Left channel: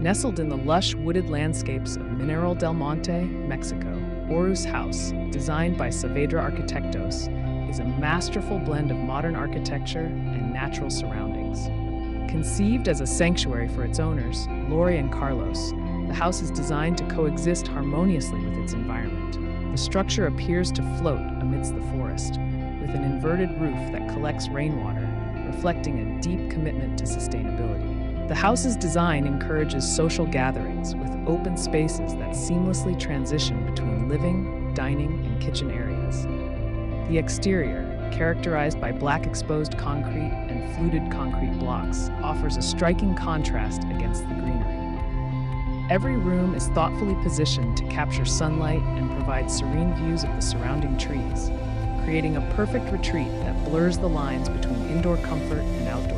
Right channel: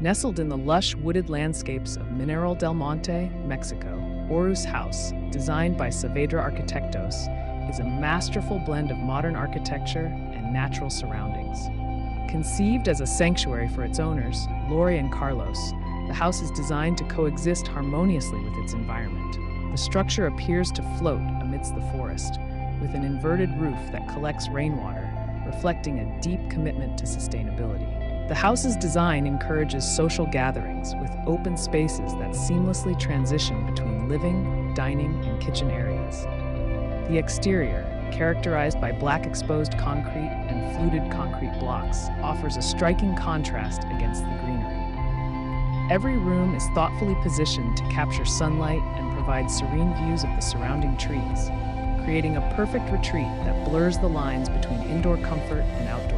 Nestled in the lush wooded landscapes of Mineral del Monte, Mexico, Oruç House, designed by Saavedra Arquitectos, is a masterful blend of modern architecture and natural surroundings. Conceived as a sanctuary for its owners, Lori and Carlos, the house is designed to coexist harmoniously with its environment. The structure appears to float amidst the forest, with an inverted roof that collects rainwater, reflecting a deep commitment to sustainability. The house's design encourages social gatherings with open spaces that seamlessly transition between living, dining, and kitchen areas. The exterior, characterized by black exposed concrete and fluted concrete blocks, offers a striking contrast against the greenery. Every room is thoughtfully positioned to capture sunlight and provide serene views of the surrounding trees, creating a perfect retreat that blurs the lines between indoor comfort and outdoor